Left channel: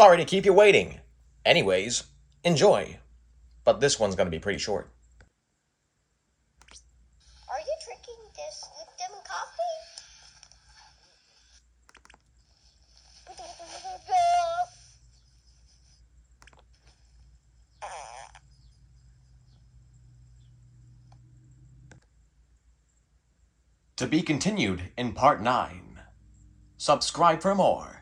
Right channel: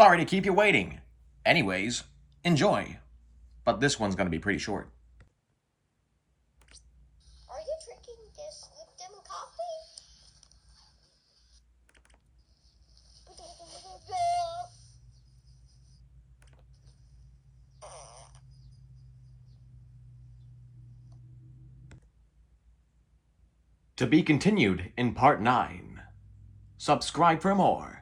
Sorry to keep you waiting. Anyways, enjoy. But this one's gonna be pretty short. Are you drinking this with them coffee? To be continued in part 9. Subscribe for more.